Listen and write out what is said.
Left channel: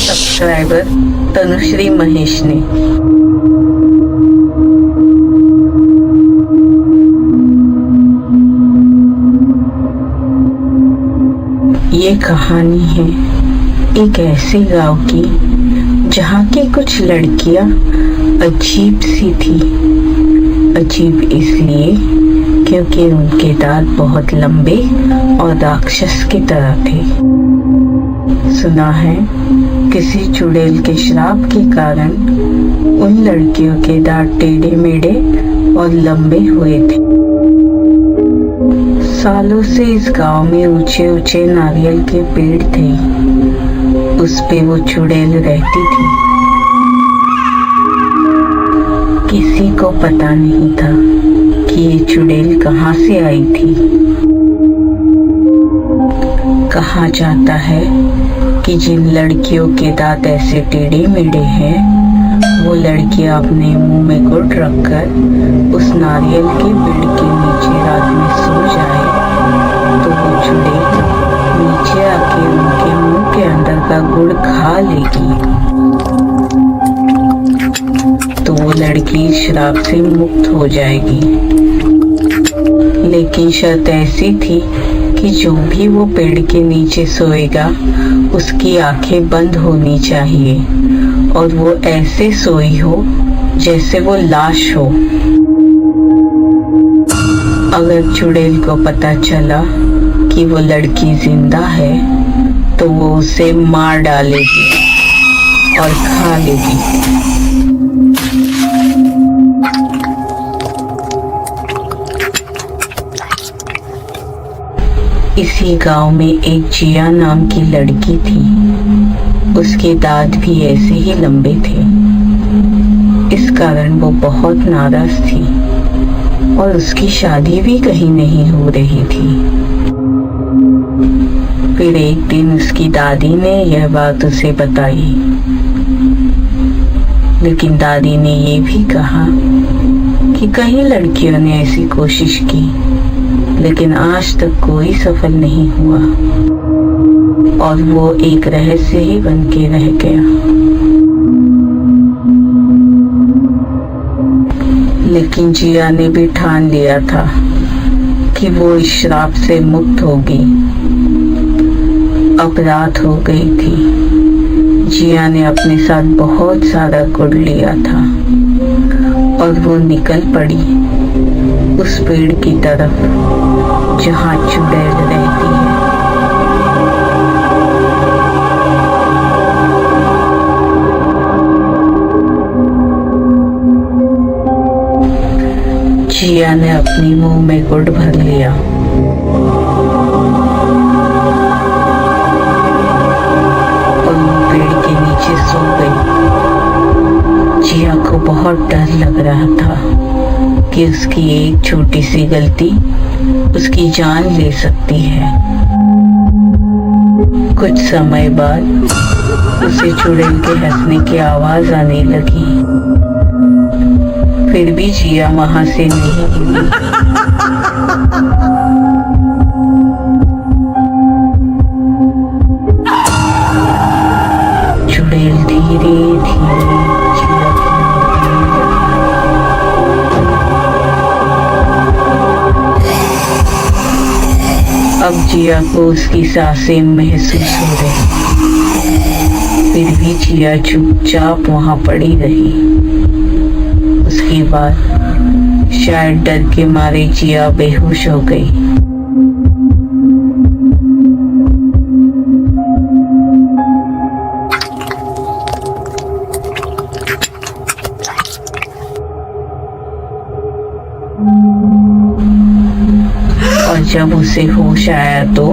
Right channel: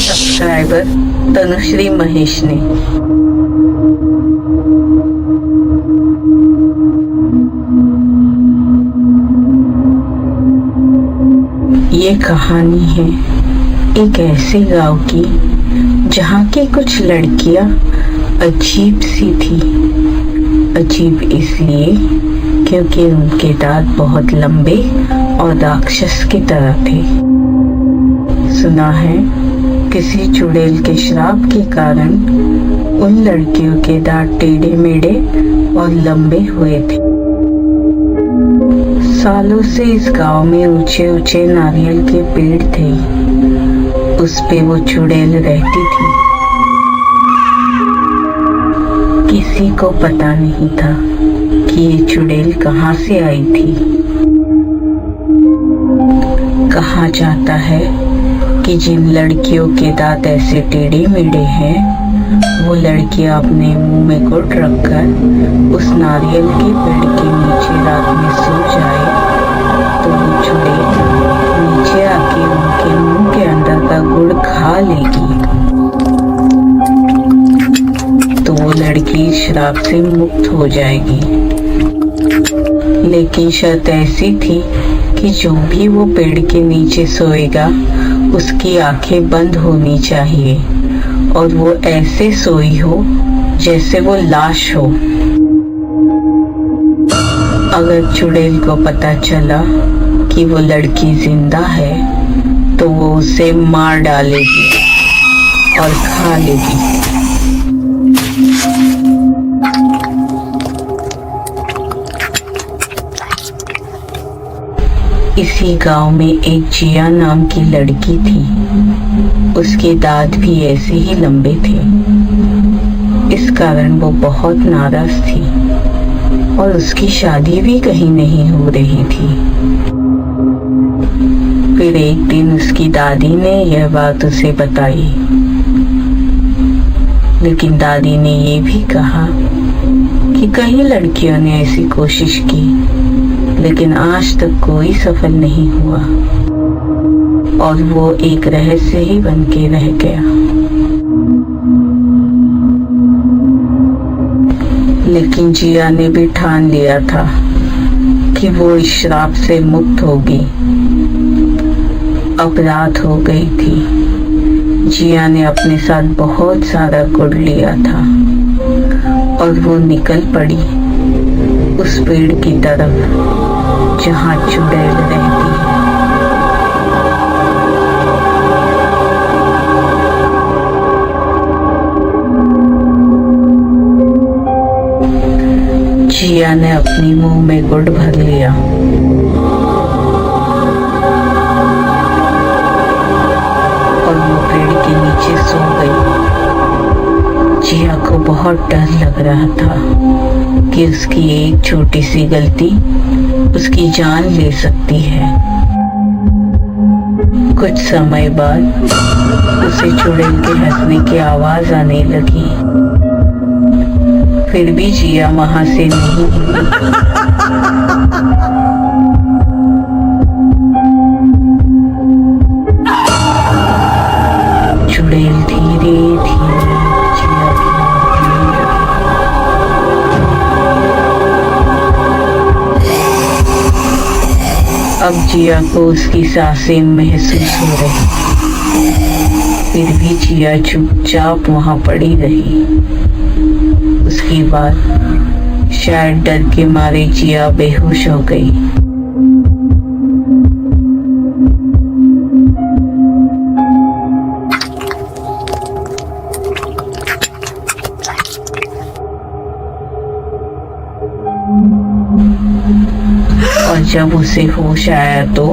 Subscriber Tanushree Mahesh ने। ये कहानी है एक ऐसे गांव की जहाँ की कुछ लड़कियां अजीब सी थी। अजीब इसलिए क्योंकि उनके दांत बहुत लंबे और राक्षस की तरह थे। सुना है किसी चुड़ैल के श्राप के कारण उन लड़कियों के दांत टेढ़े मेढ़े और लंबे हुए थे। सालों से इस गांव में ऊंचे ऊंचे नारियल के पेड़ थे, उस पे वो चुड़ैल रहती थी। किसी को पता नहीं था कि ये चुड़ैल कहाँ से आई थी। कहा जाता है कि जिन लड़कियों के दांत ऐसे टेढ़े मेढ़े हैं वो लड़कियां अपने मुंह में गुट रखकर उस नारियल के पेड़ के नीचे रात में सो जाए तो वो चुड़ैल नीचे आके उनके मुंह के अंदर का गुड़ खा लेगी तो वो लड़की श्राप से मुक्त हो जाएगी। लेकिन शर्त ऐसी थी कि जो भी वो पेड़ के नीचे सोएगा उसकी आंखें बंद होनी चाहिए और वो ऐसे सोई हो जैसे वो लाश हो। अगर चुड़ैल को पता चला कि वो लड़की जिंदा है तो वो उसे मार डालेगी और खा लेगी। इसी गांव में एक जिया नाम की लड़की थी। उसके दांत भी ऐसे ही लंबे थे। इस कारण वो बहुत नाराज थी और उसकी शादी भी कहीं नहीं हो रही थी। फिर एक दिन उसकी दादी ने यह बात उसे बताई, लेकिन दादी ने ये भी कहा कि कई लड़कियों ने ऐसी कोशिश की लेकिन आज तक कोई सफल नहीं हुआ और वो एक रहस्य ही बन के रह गया। लेकिन जिया ने भी ठान लिया था कि वो इस श्राप से मुक्त होगी। अब रात हो गई थी। जिया ने अपने साथ बहुत सारा गुड़ लिया था और वो निकल पड़ी उस पेड़ की तरफ जहाँ चुड़ैल रहती है। जिया ने अपनी मुंह में गुड़ भर लिया और वो पेड़ के नीचे सो गई। जिया को बहुत डर लग रहा था कि उसकी एक छोटी सी गलती उसकी जान ले सकती है। कुछ समय बाद उसे चुड़ैल के हंसने की आवाज आने लगी। फिर भी जिया वहां से नहीं हिली। चुड़ैल धीरे धीरे जिया की ओर बढ़ने लगी। अब जिया को उसकी सांसें महसूस हो रही, फिर भी जिया चुपचाप वहां पड़ी रही। उसके बाद शायद डर के मारे जिया बेहोश हो गई। और जब उसे होश आया तो